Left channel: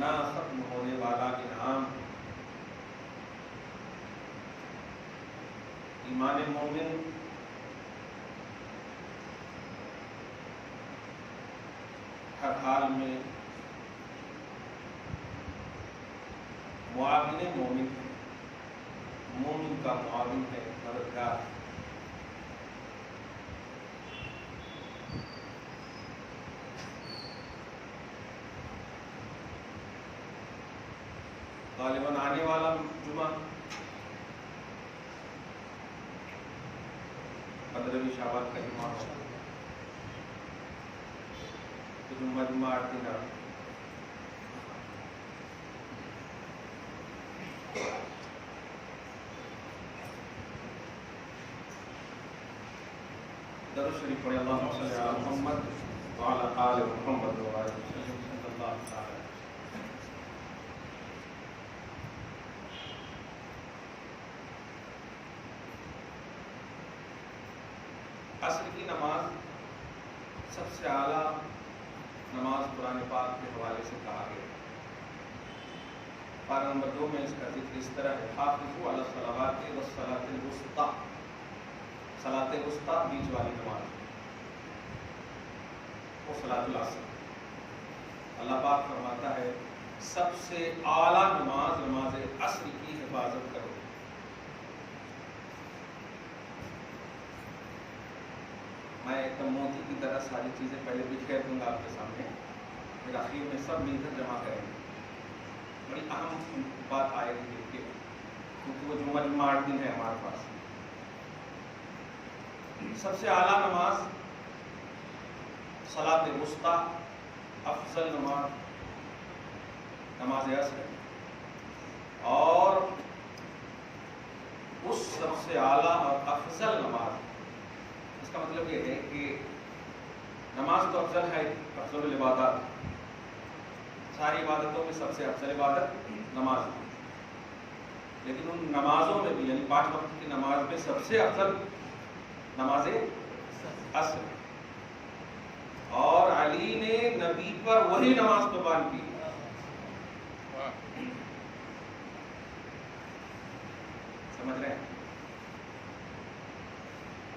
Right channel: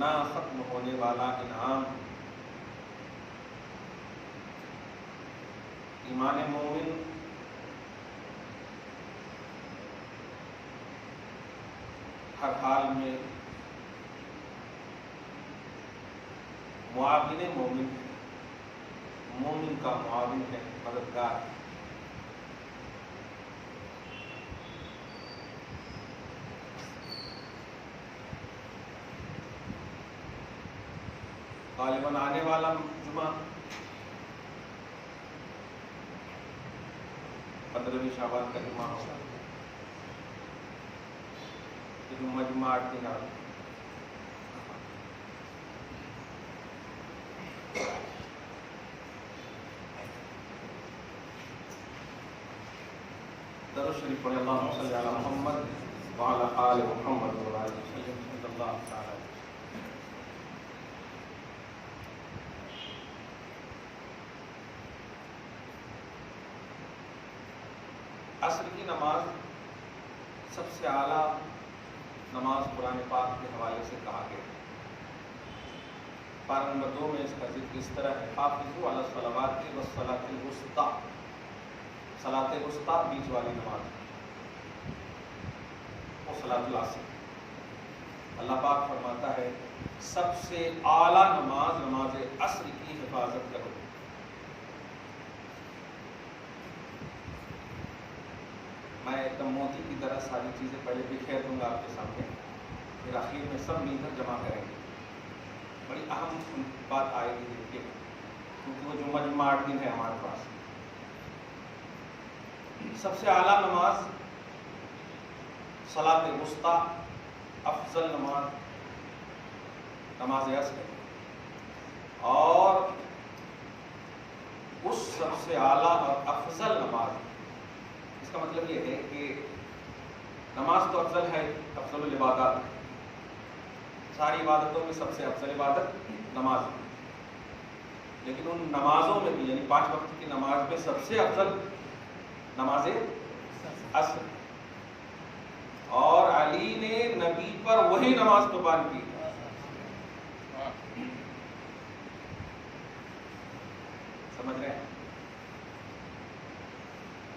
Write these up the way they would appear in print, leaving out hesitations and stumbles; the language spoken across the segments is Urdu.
نہ ختم ہونے والا انعام. ایمان مومن ہر حال میں معاون مومن ہے، مومن کا معاون ہے، مددگار ہے. غالباً آنے والا جمعہ 15ویں شعبان کا جمعہ ہوگا. جمعہ 8 دن آگے. درود شریف پڑھیں. اللہم صلی علی محمد وعلی آل محمد وبارک وسلم صلی اللہ تعالی. عصر کی نماز سب سے اعلیٰ نماز قرآن پاک کے حوالے سے کہا گیا. پارہ نمبر 2 میں اس کا ذکر اس طرح ہے: حافظوا علی الصلوات والصلاۃ الوسطی. صلاۃ وسطی بیچ والی نماز وہ صلاۃ العصر. اللہ پاک فرماتا ہے سب سے اعلیٰ نماز نماز عصر کی حفاظت کرو. میں ایک دم موتی کی طرح ساری چیزیں پہلے بکھیر دوں گا آپ کے سامنے، پھر آخر میں سب مل کر جمع کریں گے. بڑی اہم بات آئے گی دیکھیے، کیونکہ وہ جمعہ 8 دن ہے ہمارے پاس. سب سے اعلیٰ نماز صلاۃ وسطی، افضل نماز نماز عصر ہے. اور اس سب سے اعلیٰ اور افضل نماز، اس کا مطلب یہ ہے کہ نماز تو افضل ہے، افضل العبادات، ساری عبادتوں میں سب سے افضل عبادت نماز ہے. لیکن ان نمازوں میں بھی، یعنی 5 وقت کی نماز میں سب سے افضل نماز عصر. اور علی نے نبی پر وہی نماز قربان کی. سمجھ رہے ہیں؟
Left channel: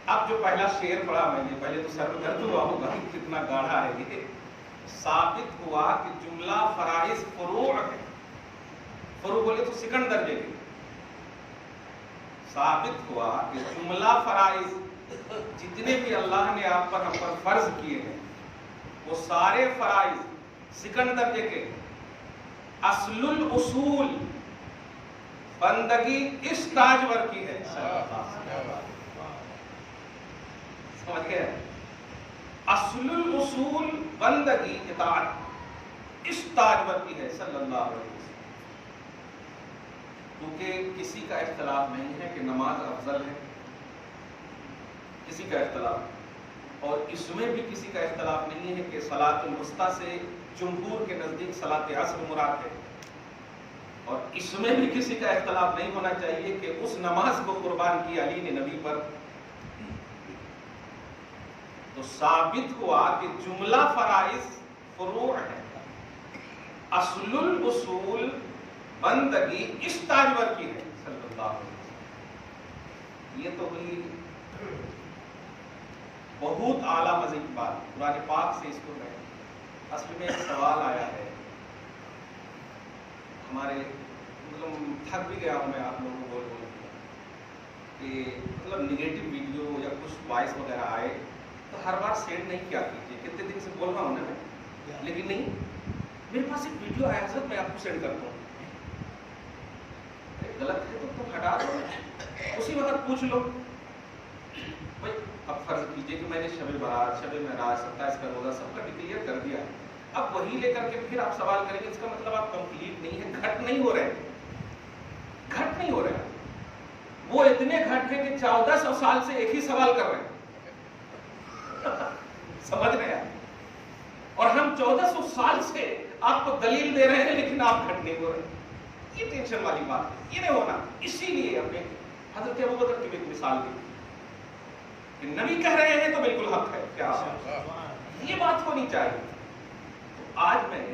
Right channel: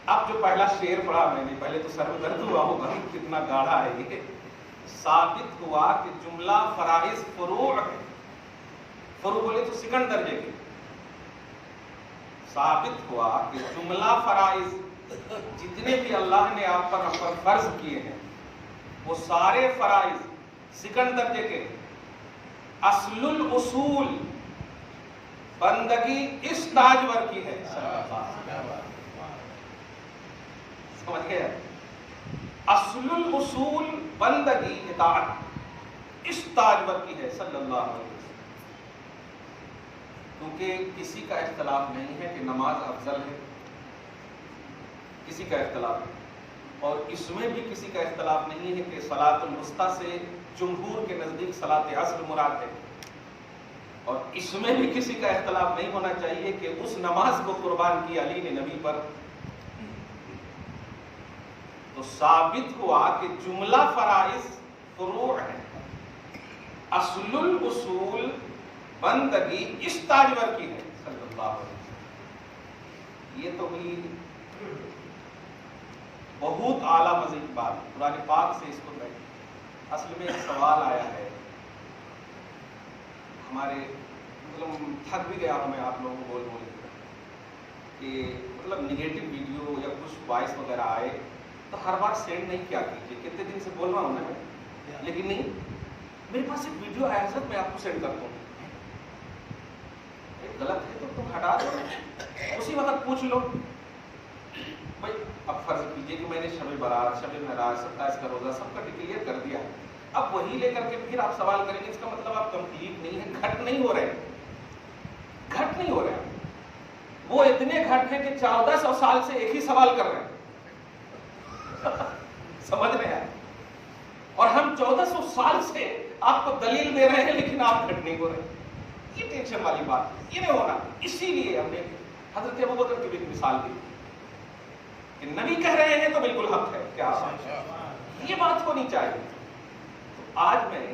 اب جو پہلا شعر پڑھا میں نے، پہلے تو سر میں درد ہوا ہوگا کہ کتنا گاڑھا ہے یہ. ثابت ہوا کہ جملہ فرائض فروع ہے. فروع بولے تو سیکنڈ درجے کے. ثابت ہوا کہ جملہ فرائض جتنے بھی اللہ نے آپ پر ہم پر فرض کیے ہیں وہ سارے فرائض سیکنڈ درجے کے. اصل الاصول بندگی اس تاجور کی ہے. سمجھ گئے؟ اصل الاصول بندگی اطاعت اس تاجور کی ہے صلی اللہ علیہ وسلم. کیونکہ کسی کا اختلاف نہیں ہے کہ نماز افضل ہے، کسی کا اختلاف نہیں. اور اس میں بھی کسی کا اختلاف نہیں ہے کہ صلاۃ الوسطی سے جمہور کے نزدیک صلاۃ عصر مراد ہے. اور اس میں بھی کسی کا اختلاف نہیں ہونا چاہیے کہ اس نماز کو قربان کی علی نے نبی پر. تو ثابت ہوا کہ جملہ فرائض فروع ہے. اصل الاصول بندگی اس تاجور کی ہے صلی اللہ علیہ وسلم. یہ تو ہوئی بہت اعلیٰ مزید بات قرآن پاک سے اس کو کہیں. اصل میں ایک سوال آیا ہے ہمارے، مطلب تھک بھی گیا ہوں میں آپ لوگوں کو بول کہ مطلب نگیٹو ویڈیو یا کچھ وائس وغیرہ آئے تو ہر بار سینڈ نہیں کیا کیجیے. کتنے دن سے بول رہا ہوں نا میں، لیکن نہیں، میرے پاس ایک ویڈیو آیا سر، میں آپ کو سینڈ کرتا ہوں. غلط ہے تو تم ہٹا دو، اسی وقت پوچھ لو. بھائی اب فرض کیجئے کہ میں نے شب برات، شب معراج، 27 کا روزہ سب کا ڈکلیئر کر دیا. اب وہی لے کر کے پھر آپ سوال کریں گے، اس کا مطلب آپ کمپلیٹ نہیں ہے، گھٹ نہیں ہو رہے، گھٹ نہیں ہو رہے. وہ اتنے گھٹ ہیں کہ 1400 سال سے ایک ہی سوال کر رہے ہیں. سمجھ رہے ہیں؟ اور ہم 1400 سال سے آپ کو دلیل دے رہے ہیں لیکن آپ گھٹ نہیں ہو رہے. یہ ٹینشن والی بات ہے، یہ نہیں ہونا. اسی لیے ہم نے حضرت ابوبکر کی بھی ایک مثال دی کہ نبی کہہ رہے ہیں تو بالکل حق ہے. کیا یہ بات ہونی چاہیے. تو آج میں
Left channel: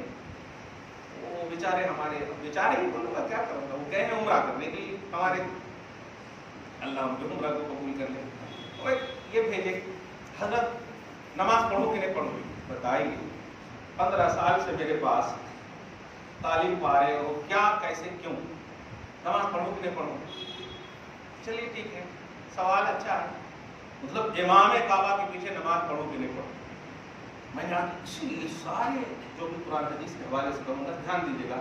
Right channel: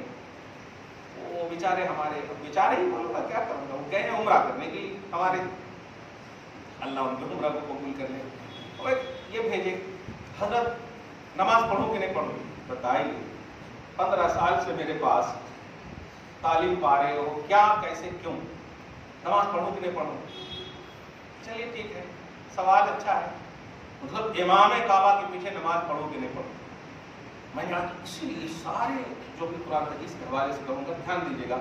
وہ بیچارے ہمارے بیچارے ہی بولوں گا کیا کروں گا، وہ گئے ہیں عمرہ کرنے کے لیے ہمارے، اللہ ان کے عمرہ کو قبول کر لے. تو یہ بھیجے حضرت نماز پڑھو کہ نہیں پڑھو؟ بتائیے 15 سال سے میرے پاس تعلیم پا رہے ہو، کیا کیسے کیوں نماز پڑھو کہ نہیں پڑھو؟ چلیے ٹھیک ہے، سوال اچھا ہے، مطلب امام کعبہ کے پیچھے نماز پڑھو کہ نہیں پڑھو؟ میں نے آج اسی لیے سارے جو بھی قرآن حدیث کے حوالے سے کہوں گا دھیان دیجیے گا.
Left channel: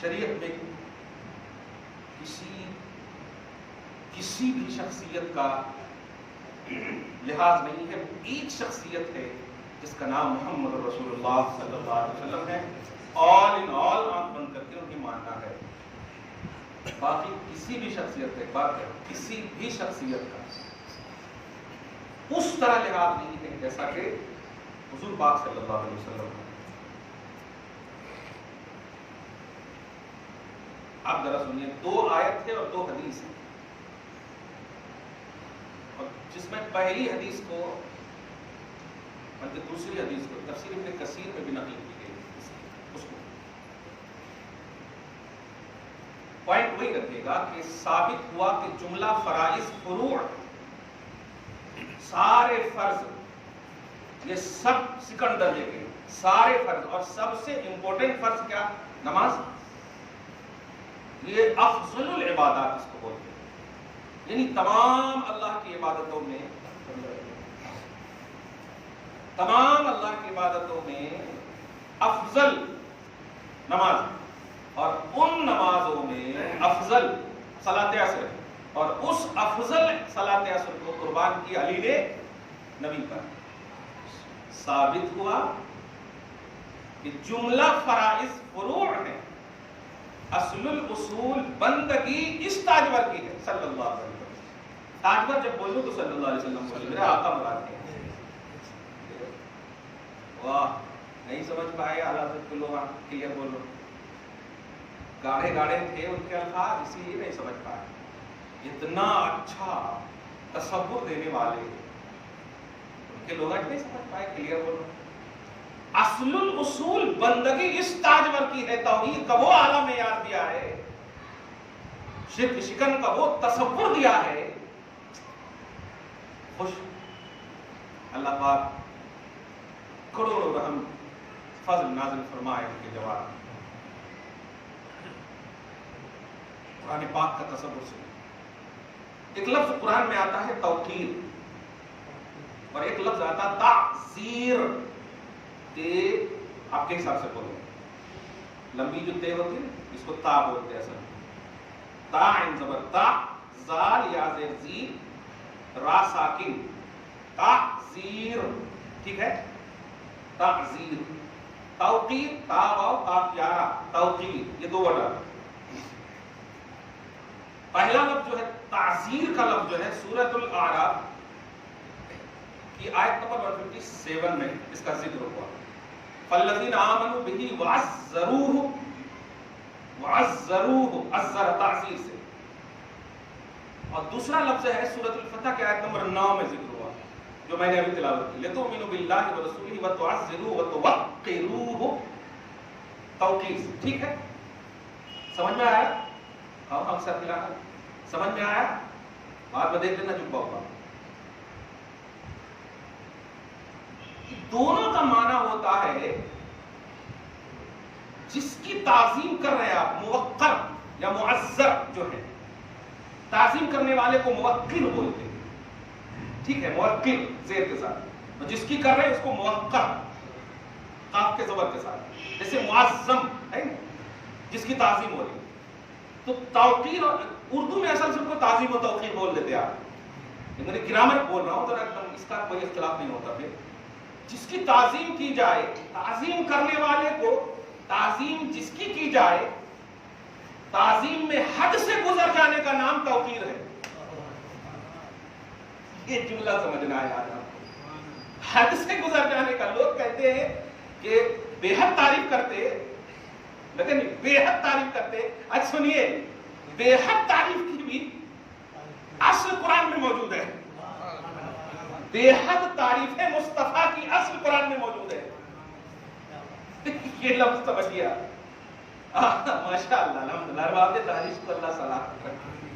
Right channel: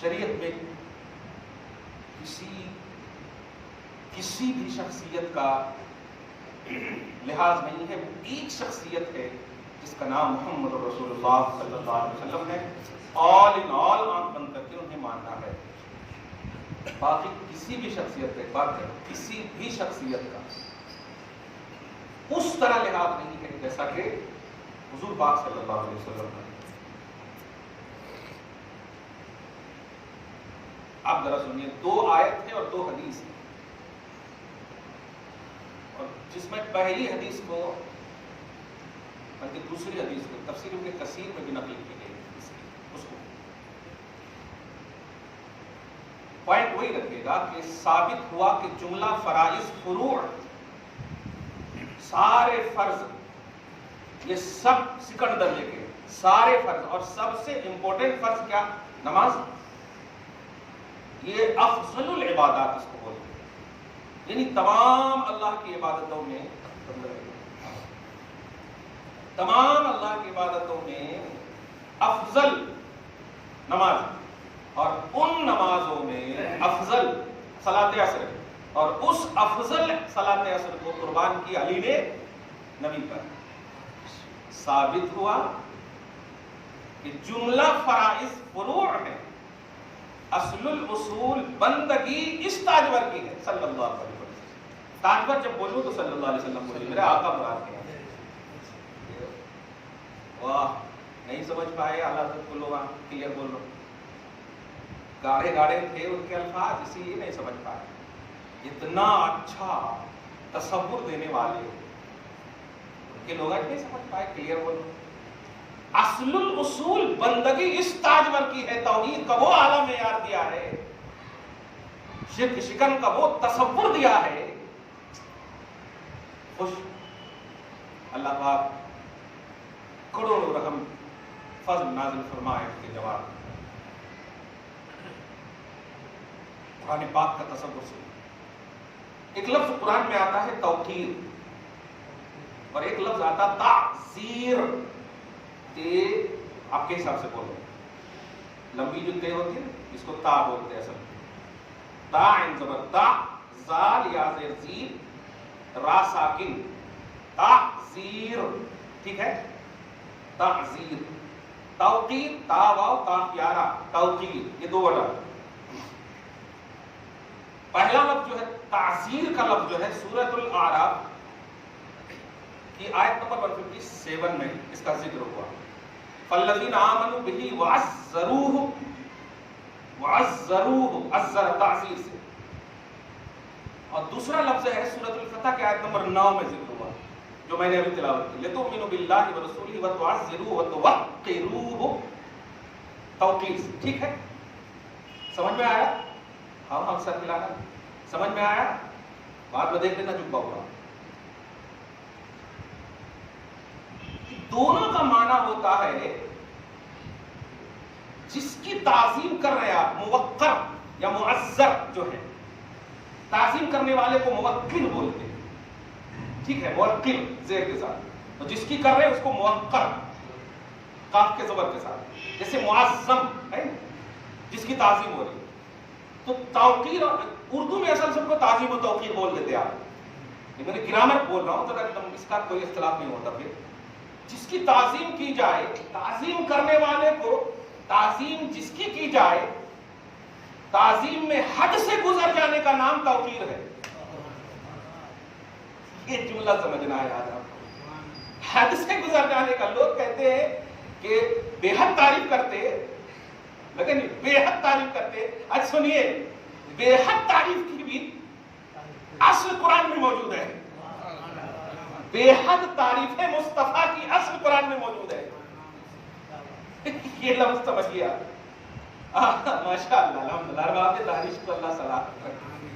شریعت میں کسی بھی شخصیت کا لحاظ نہیں ہے، ایک شخصیت ہے جس کا نام محمد رسول اللہ صلی اللہ علیہ وسلم ہے. آل ان آل آنکھ بند کر کے انہیں ماننا ہے. باقی کسی بھی شخصیت کا، ایک بات ہے، کسی بھی شخصیت کا اس طرح لحاظ نہیں ہے جیسا کہ حضور پاک صلی اللہ علیہ وسلم کا. آپ ذرا سنیے، 2 آیت ہے اور 2 حدیث ہے، اور جس میں پہلی حدیث کو بلکہ دوسری حدیث کو تفسیر ابن کثیر میں بھی نقل کی گئی، اس کو پوائنٹ وہی رکھے گا کہ ثابت ہوا کہ جملہ فرائض فروع، سارے فرض یہ سب سیکنڈ درجے کے سارے فرض، اور سب سے امپورٹنٹ فرض کیا؟ نماز. یہ افضل العبادات اس کو بولتے ہیں، یعنی تمام اللہ کی عبادتوں میں افضل نماز، اور ان نمازوں میں افضل صلاۃ عصر، اور اس افضل صلاۃ عصر کو قربان کی علی نے نبی پر. ثابت ہوا کہ جملہ فرائض فروع ہے، اصل الاصول بندگی اس تاجور کی ہے صلی اللہ علیہ وسلم. تاجور جب بولوں تو صلی اللہ علیہ وسلم بولے، میرے آقا مراد کے. واہ، نہیں سمجھ پائے اعلیٰ حضرت کو، لوگ کلیئر بول رہے، گاڑے گاڑے تھے ان کے الفاظ، اسی لیے نہیں سمجھ پائے. اتنا اچھا تصور دینے والے ان کے لوگ آج نہیں سمجھ پائے، کلیئر بولو. اصل الاصول بندگی اس تاجور کی ہے، توحید کا وہ اعلیٰ معیار دیا ہے، شرک شکن کا وہ تصور دیا ہے. خوش اللہ پاک کروڑوں رحم فضل نازل فرمائے ان کے جواب. قرآن پاک کا تصور سنو. ایک لفظ قرآن میں آتا ہے توقیر، اور ایک لفظ آتا ہے تعزیر. آپ کے حساب سے بولو، لمبی جو تے ہوتی ہے اس کو تا بولتے ہیں اصل میں. تا عین زبر تا، زال یا زیر زی، را ساکن، تعزیر. ٹھیک ہے، تعزیر. توقیر، تا واو کاف یارا، توقیر، یہ 2 ورڈ. پہلا لفظ جو ہے تعزیر کا لفظ جو ہے سورۃ الاعراف کی آیت نمبر 157 میں اس کا ذکر ہوا. فالذین آمنوا بہ وعزروہ، عزر تعزیر سے. اور دوسرا لفظ ہے سورۃ الفتح کی آیت نمبر 9 میں ذکر ہوا، جو میں نے ابھی تلاوت کی. لتؤمنوا باللہ ورسولہ وتعزروہ وتوقروہ، توقیر. ٹھیک ہے، سمجھ میں آیا؟ ہاں اکثر کھلانا سمجھ میں آیا؟ بعد میں دیکھ لینا چپا ہوا. دونوں کا معنی ہوتا ہے جس کی تعظیم کر رہے آپ، موقر یا معزر جو ہے، تعظیم کرنے والے کو موقر بولتے ہیں. ٹھیک ہے، موقر زیر کے ساتھ، اور جس کی کر رہے ہیں اس کو موقر قاف کے زبر کے ساتھ. جیسے معظم ہے جس کی تعظیم ہو رہی ہے. تو توقیر اردو میں اصل سب کو تعظیم و توقیر بول دیتے آپ، لیکن میں گرامر بول رہا ہوں تو ایک اس کا کوئی اختلاف نہیں ہوتا. پھر جس کی تعظیم کی جائے، تعظیم کرنے والے کو تعظیم جس کی جائے، تعظیم میں حد سے گزر جانے کا نام توقیر ہے. یہ جملہ سمجھنا ہے آج آپ کو. حد سے گزر جانے کا، لوگ کہتے ہیں کہ بے حد تعریف کرتے، لیکن بے حد تعریف کرتے. آج سنیے، بے حد تعریف کی بھی اصل قرآن میں موجود ہے. بے حد تعریف مصطفیٰ کی اصل قرآن میں موجود ہے. یہ لفظ سمجھیے ماشاء اللہ الحمدللہ، ہر بات دانش کو اللہ سلامت رکھے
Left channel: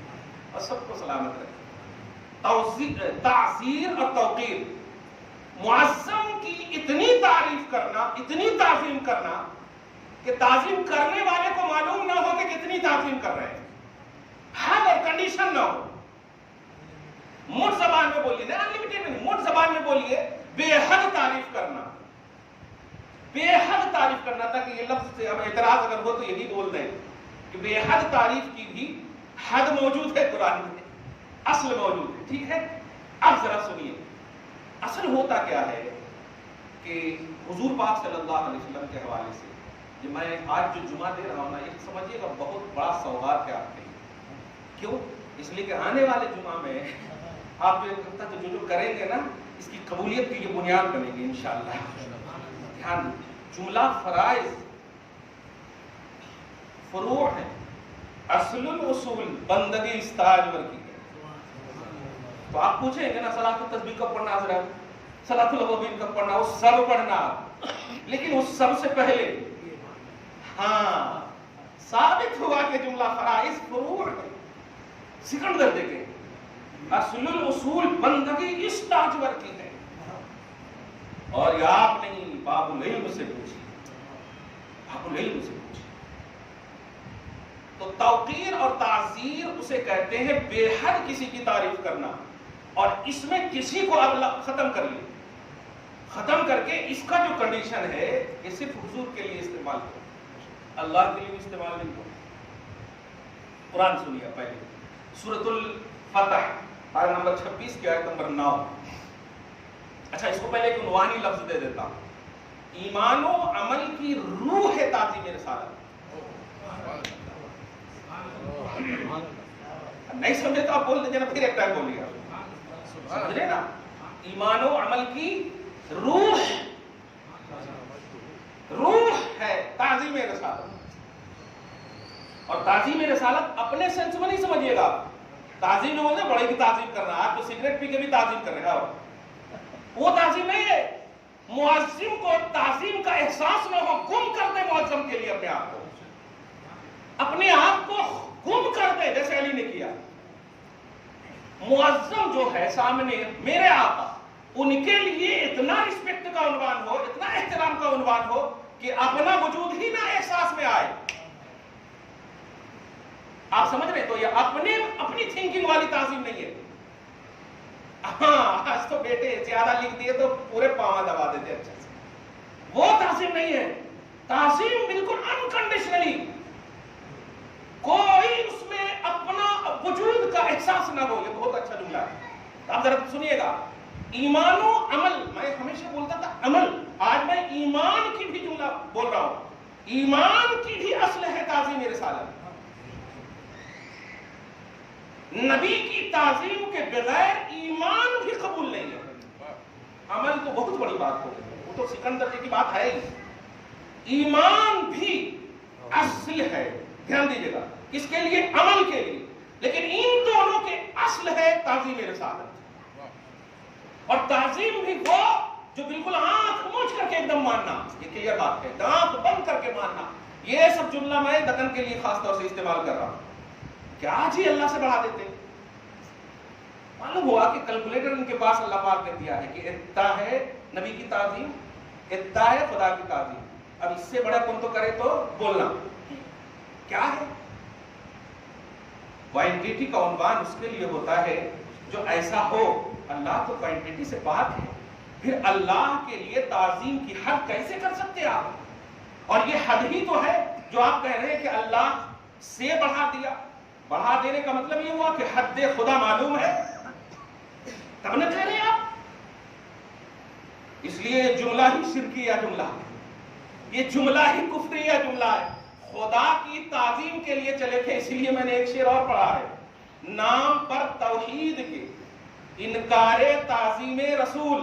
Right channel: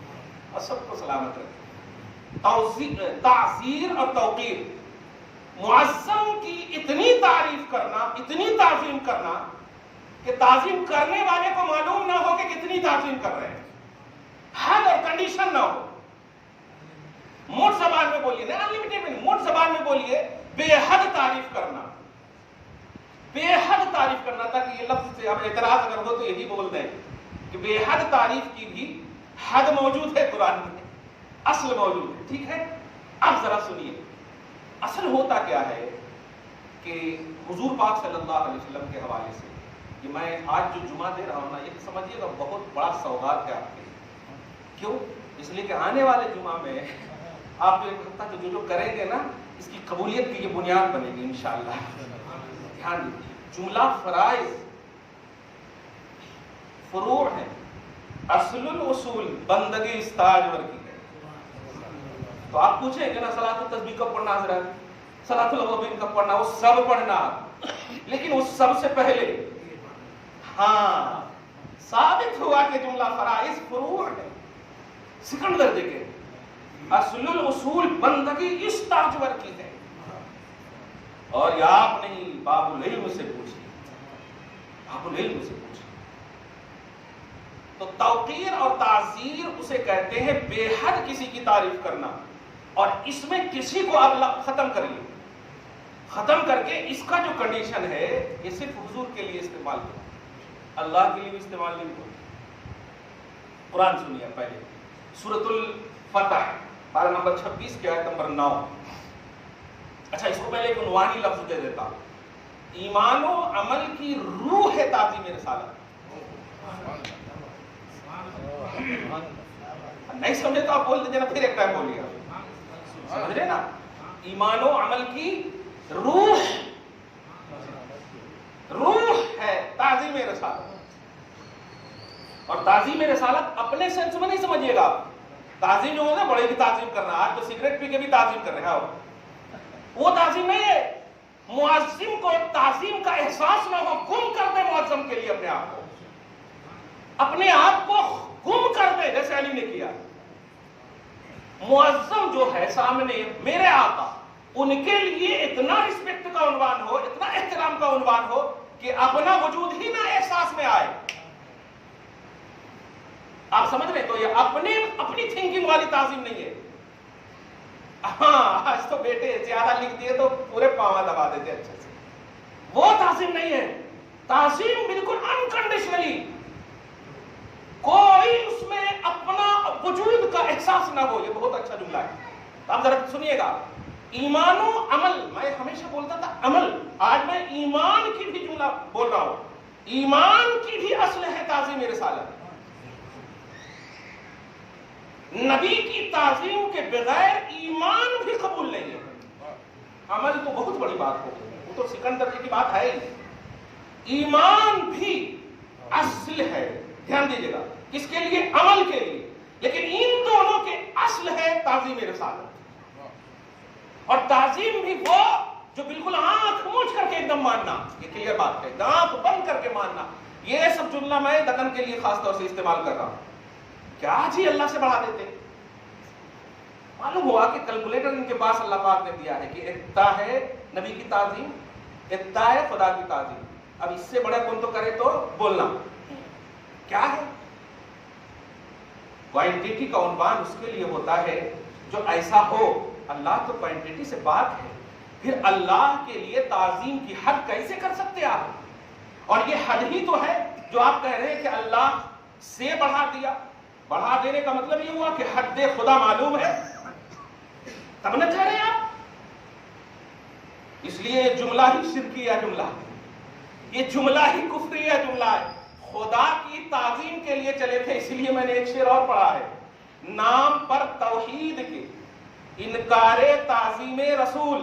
اور سب کو سلامت رکھے۔ تعزیر اور توقیر، معظم کی اتنی تعریف کرنا، اتنی تعظیم کرنا کہ تعظیم کرنے والے کو معلوم نہ ہو کہ کتنی تعظیم کر رہے ہیں، حد اور کنڈیشن نہ ہو۔ موٹ زبان میں بولیے، نہیں انلمیٹڈ میں نہیں، موٹ زبان میں بولیے، بے حد تعریف کرنا، بے حد تعریف کرنا، تاکہ یہ لفظ سے اب اعتراض اگر ہو تو یہی بول دیں کہ بے حد تعریف کی بھی حد موجود ہے قرآن میں، اصل موجود ہے، ٹھیک ہے۔ اب ذرا سنیے، اصل ہوتا کیا ہے کہ حضور پاک صلی اللہ علیہ وسلم کے حوالے سے یہ میں آج جو جمعہ دے رہا ہوں نا، یہ سمجھیے گا بہت بڑا سوغات ہے آپ کے لیے۔ کیوں؟ اس لیے کہ آنے والے جمعہ میں آپ جو ایک ہفتہ جو کریں گے نا، اس کی قبولیت کی یہ بنیاد بنے گی انشاءاللہ۔ دھیان دیجیے، جملہ فرائض فروع ہے، اصل الاصول بندگی استاجور کی ہے۔ تو آپ پوچھیں گے نا صلاۃ التسبیح کب پڑھنا حضرات، صلاۃ الاوابین کب پڑھنا، وہ سب پڑھنا، لیکن اس سب سے پہلے ہاں ثابت ہوا کہ جملہ فرائض فروع ہے، سیکنڈ درجے کے، اصل الاصول بندگی اس تاجور کی ہے۔ اور یہ آپ نہیں، باب العلم سے پوچھیے، باب العلم سے پوچھیے۔ تو توقیر اور تعزیر اسے کہتے ہیں بے حد کسی کی تعریف کرنا، اور اس میں کسی کو اب ختم کریے، ختم کر کے اس کا جو کنڈیشن ہے یہ صرف حضور کے لیے استعمال ہو، اللہ کے لیے بھی استعمال نہیں ہو۔ قرآن سنیے پہلے، سورۃ الفتح پارہ نمبر 26 کی آیت نمبر 9۔ اچھا، اس کو پہلے ایک عنوانی لفظ دے دیتا ہوں، ایمان و عمل کی روح ہے تعظیم رسالت۔ نہیں سمجھے تو آپ بول دیجیے نا، پھر ایک ٹائم بولیے، سمجھ رہے نا؟ ایمان و عمل کی روح ہے تعظیم رسالت۔ اور تعظیم رسالت اپنے سینس میں نہیں سمجھیے گا، تعظیم جو ہوتا ہے بڑے کی تعظیم کرنا، آج تو سگریٹ پی کے بھی تعظیم کر رہے ہیں، وہ تعظیم نہیں ہے۔ معظم کو تعظیم کا احساس نہ ہو، گم کر دے معظم کے لیے اپنے آپ کو گم کر دے، جیسے علی نے کیا۔ معظم جو ہے سامنے میرے آقا، ان کے لیے اتنا رسپیکٹ کا عنوان ہو، اتنا احترام کا عنوان ہو کہ اپنا وجود ہی نہ احساس میں آئے۔ آپ سمجھ رہے؟ تو یہ اپنی تھنکنگ والی تعظیم نہیں ہے۔ ہاں، آج تو بیٹے زیادہ لکھ دیے تو پورے پاؤں دبا دیتے اچھے سے، وہ تعظیم نہیں ہے۔ تعظیم بالکل انکنڈیشنلی، کوئی اس میں اپنا وجود کا احساس نہ ہو۔ یہ بہت اچھا جملہ ہے، آپ ذرا سنیے گا۔ ایمان و عمل، میں ہمیشہ بولتا تھا عمل، آج میں ایمان کی بھی جملہ بول رہا ہوں۔ ایمان کی بھی اصل ہے تعظیم رسالت۔ نبی کی تعظیم کے بغیر ایمان بھی قبول نہیں ہے۔ عمل تو بہت بڑی بات ہو، وہ تو سیکنڈ درجے کی بات ہے ہی، ایمان بھی اصل ہے۔ دھیان دیجیے گا، کس کے لیے؟ عمل کے لیے، لیکن ان دونوں کے اصل ہے تعظیم رسالت۔ اور تعظیم بھی وہ جو بالکل آنکھ موچ کر کے ایک دم ماننا، یہ کلیئر بات ہے، آنکھ بند کر کے ماننا۔ یہ سب جملہ میں دکن کے لیے خاص طور سے استعمال کر رہا ہوں۔ کیا جی اللہ سے بڑھا دیتے؟ معلوم ہوا کہ کیلکولیٹر ان کے پاس اللہ پاک نے دیا ہے کہ اتنا ہے نبی کی تعظیم، اتنا ہے خدا کی تعظیم، اب اس سے بڑے کون تو کرے تو بولنا کیا ہے؟ کوانٹٹی کا عنوان اس کے لیے ہوتا ہے جو ایسا ہو، اللہ تو کوانٹٹی سے پاک ہے، پھر اللہ کے لیے تعظیم کی حد کیسے کر سکتے آپ؟ اور یہ حد ہی تو ہے جو آپ کہہ رہے ہیں کہ اللہ سے بڑھا دیا۔ بڑھا دینے کا مطلب یہ ہوا کہ حد خدا معلوم ہے، تب نہ کہہ رہے آپ۔ اس لیے یہ جملہ ہی شرکیہ جملہ ہے، یہ جملہ ہی کفریہ جملہ ہے۔ خدا کی تعظیم کے لیے چلے تھے، اسی لیے میں نے ایک شعر اور پڑھا ہے، نام پر توحید کے انکار تعظیم رسول۔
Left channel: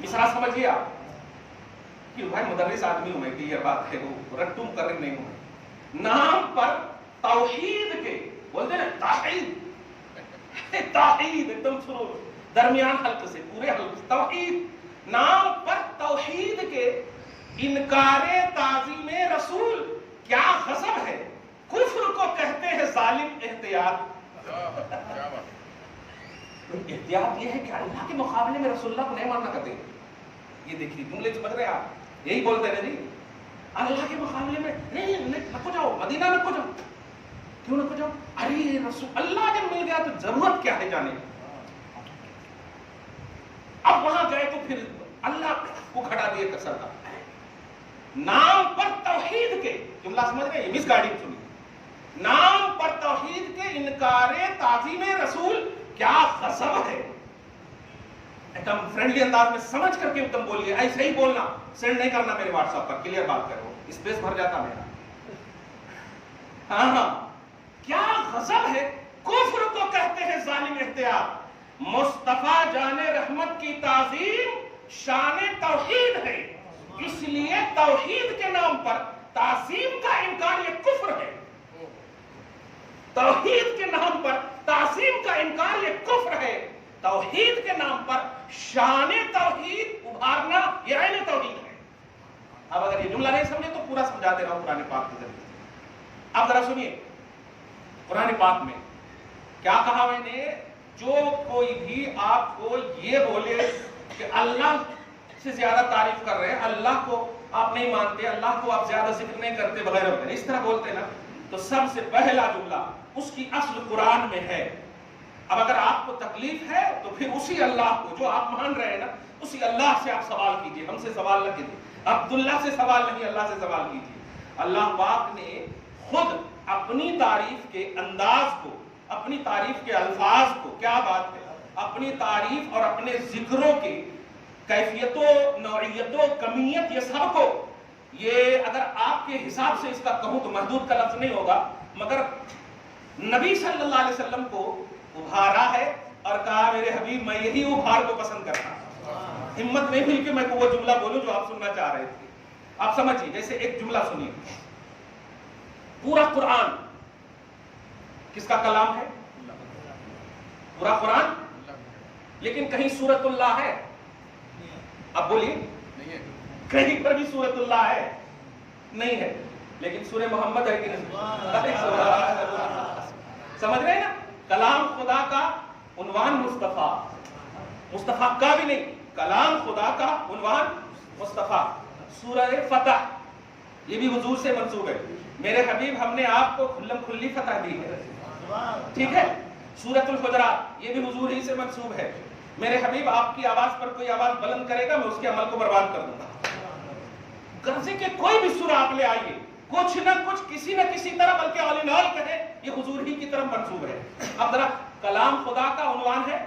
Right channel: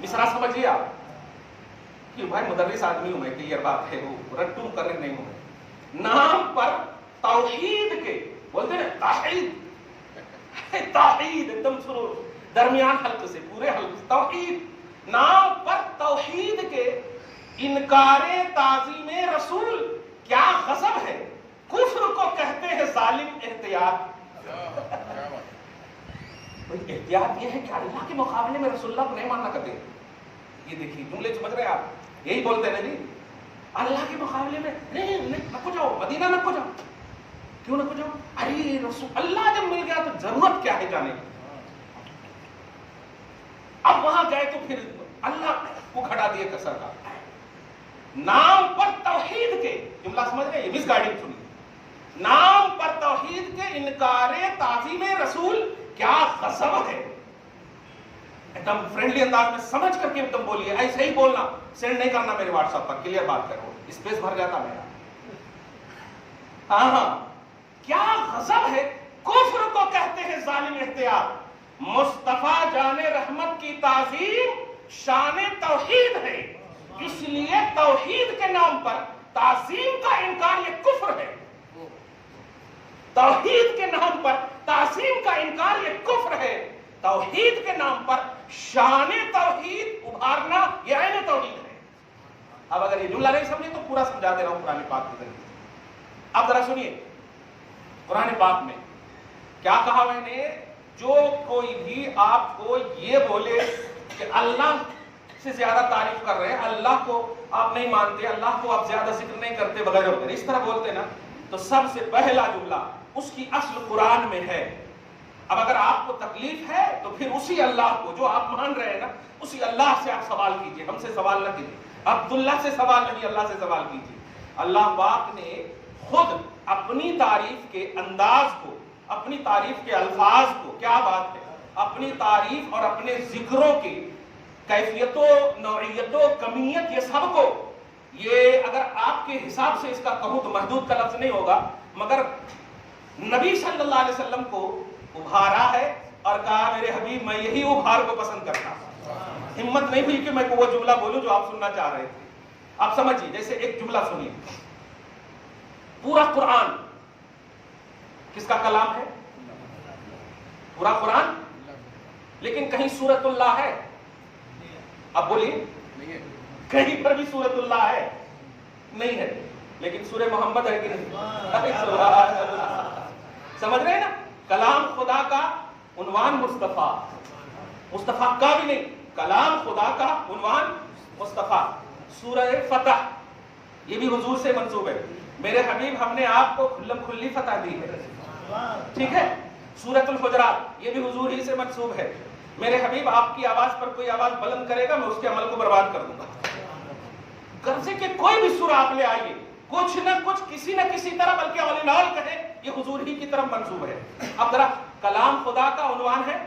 مصرع سمجھیے آپ، کہ بھائی مدرس آدمی ہوں میں، کلیئر بات ہے، وہ رٹوں کر رہی نہیں ہوں۔ نام پر توحید کے، بولتے نا توحید، توحید ایک دم شروع درمیان حلق سے پورے حلق سے، توحید، نام پر توحید کے انکار تعظیم رسول کیا غضب ہے، کفر کو کہتے ہیں ظالم احتیاط۔ احتیاط یہ ہے کہ اللہ کے مقابلے میں رسول اللہ کو نہیں ماننا کبھی۔ یہ دیکھیے جملے سمجھ رہے ہیں آپ، یہی بولتے ہیں نا جی، اللہ کے مقابلے میں نہیں نکو جاؤ، مدینہ نکو جاؤ۔ کیوں نکو جاؤ؟ ارے رسول اللہ جب مل گیا تو ضرورت کیا ہے جانے کی؟ اب وہاں گئے تو پھر اللہ کو کھٹا دیے کسر کا نام پر توحید کے، جملہ سمجھ رہے ہیں، یہ مس گائیڈنگ سنیے، نام پر توحید کے انکار تعظیم رسول کیا غضب ہے۔ ایک دم فرینڈلی انداز میں سمجھ کر کے ایک دم بولیے، ایسے ہی بولنا، سینڈ نہیں کرنا میرے واٹس ایپ پر، کلیئر بات کرو، اسپیس بھر جاتا میرا۔ ہاں کیا غضب ہے، کفر کو کہتے ہیں ظالم احتیاط۔ مصطفیٰ جان رحمت کی تعظیم شان توحید ہے، اس لیے توحید کے نام پر تعظیم کا انکار یہ کفر ہے۔ توحید کے نام پر تعظیم کا انکار یہ کفر ہے، توحید کے نام پر شان توحید ابھارنا یہ عین توحید ہے۔ اب اگر یہ جملہ نہیں سمجھے تو پورا سمجھا دے رہا ہوں قرآن پاک کی زندگی۔ اب ذرا سنیے قرآن پاک میں کیا کہا میں نے، جو کوئی بھی آپ کو یہ بولے کہ اللہ سے زیادہ تعریف کر رہے ہیں، اللہ کو آپ نہیں مانتے، اللہ کو آپ زیادہ ذکر نہیں کرتے وغیرہ وغیرہ، اس طرح بولتے نا، تو سب سے پہلا جملہ اس کی اصل قرآن میں ہے۔ اب اگر آپ کو تکلیف ہے تو پھر اسی اللہ کو جو آپ مان رہے ہیں نا، اسی اللہ سے آپ سوال کیجئے، ہم سے سوال نہ کیجئے، عبداللہ سے سوال نہیں، اللہ سے سوال کیجئے۔ اللہ پاک نے خود اپنی تعریف کے انداز کو، اپنی تعریف کے الفاظ کو، کیا بات ہے، اپنی تعریف اور اپنے ذکروں کی کیفیت و نوعیت و کمیت، یہ سب کو، یہ اگر آپ کے حساب سے اس کا کہوں تو محدود کا لفظ نہیں ہوگا، مگر نبی صلی اللہ علیہ وسلم کو ابھارا ہے اور کہا میرے حبیب میں یہی ابھار کو پسند کرتا ہوں۔ ہمت نہیں ہوئی کہ میں وہ جملہ بولوں جو آپ سننا چاہ رہے تھے۔ آپ سمجھیے، جیسے ایک جملہ سنیے، پورا قرآن کس کا کلام ہے؟ پورا قرآن، لیکن کہیں سورۃ اللہ ہے؟ اب بولیے، کہیں پر بھی سورۃ اللہ ہے؟ نہیں ہے، لیکن سورہ محمد ہے کہ نہیں؟ سمجھ رہے ہیں نا، کلام خدا کا عنوان مصطفیٰ، مصطفیٰ کا بھی نہیں، کلام خدا کا عنوان مصطفیٰ۔ سورہ فتح یہ بھی حضور سے منسوب ہے، میرے حبیب ہم نے آپ کو کھلم کھلی فتح دی ہے، ٹھیک ہے۔ سورۃ الحجرات یہ بھی حضور ہی سے منسوب ہے، میرے حبیب آپ کی آواز پر کوئی آواز بلند کرے گا میں اس کے عمل کو برباد کر دوں گا۔ غرضے کہ کوئی بھی سورہ آپ لے آئیے، کچھ نہ کچھ کسی نہ کسی طرح، بلکہ اولینال کہے یہ حضور ہی کی طرف منسوب ہے۔ اب ذرا کلام خدا کا عنوان ہے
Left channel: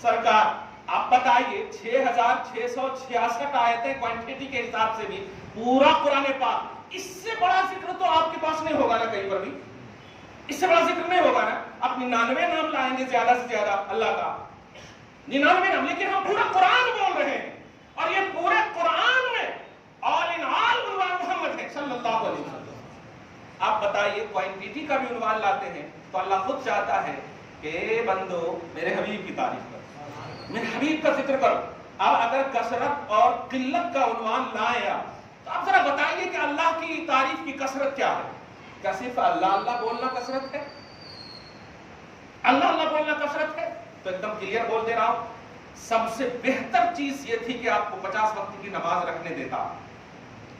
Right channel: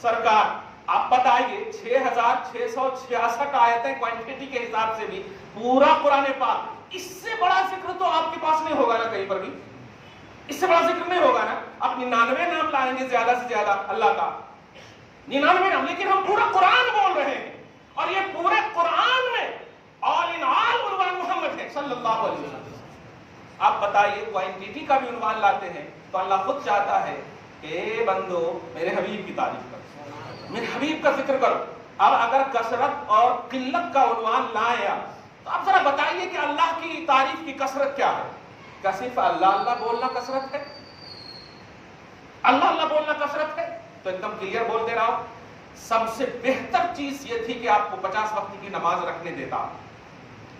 سرکار، آپ بتائیے 6666 آیتیں کوانٹٹی کے حساب سے بھی پورا قرآن پاک، اس سے بڑا ذکر تو آپ کے پاس نہیں ہوگا نا، کہیں پر بھی اس سے بڑا ذکر نہیں ہوگا نا۔ آپ 99 نام لائیں گے زیادہ سے زیادہ اللہ کا، 99 نام، لیکن ہم پورا قرآن بول رہے ہیں، اور یہ پورے قرآن میں آل ان آل عنوان محمد ہے صلی اللہ علیہ وسلم۔ آپ بتائیے کوانٹٹی کا بھی عنوان لاتے ہیں تو اللہ خود چاہتا ہے کہ بندو میرے حبیب کی تعریف کرو، میرے حبیب کا ذکر کرو۔ اب اگر کثرت اور قلت کا عنوان لائیں آپ، تو آپ ذرا بتائیے کہ اللہ کی تعریف کی کثرت کیا ہے؟ کیا صرف اللہ اللہ بولنا کثرت ہے؟ اللہ اللہ بولنا کثرت ہے؟ تو ایک دم کلیئر بول دے رہا ہوں، سب سے بہتر چیز یہ تھی کہ آپ کو 50 وقت کی نماز رکھنے دیتا،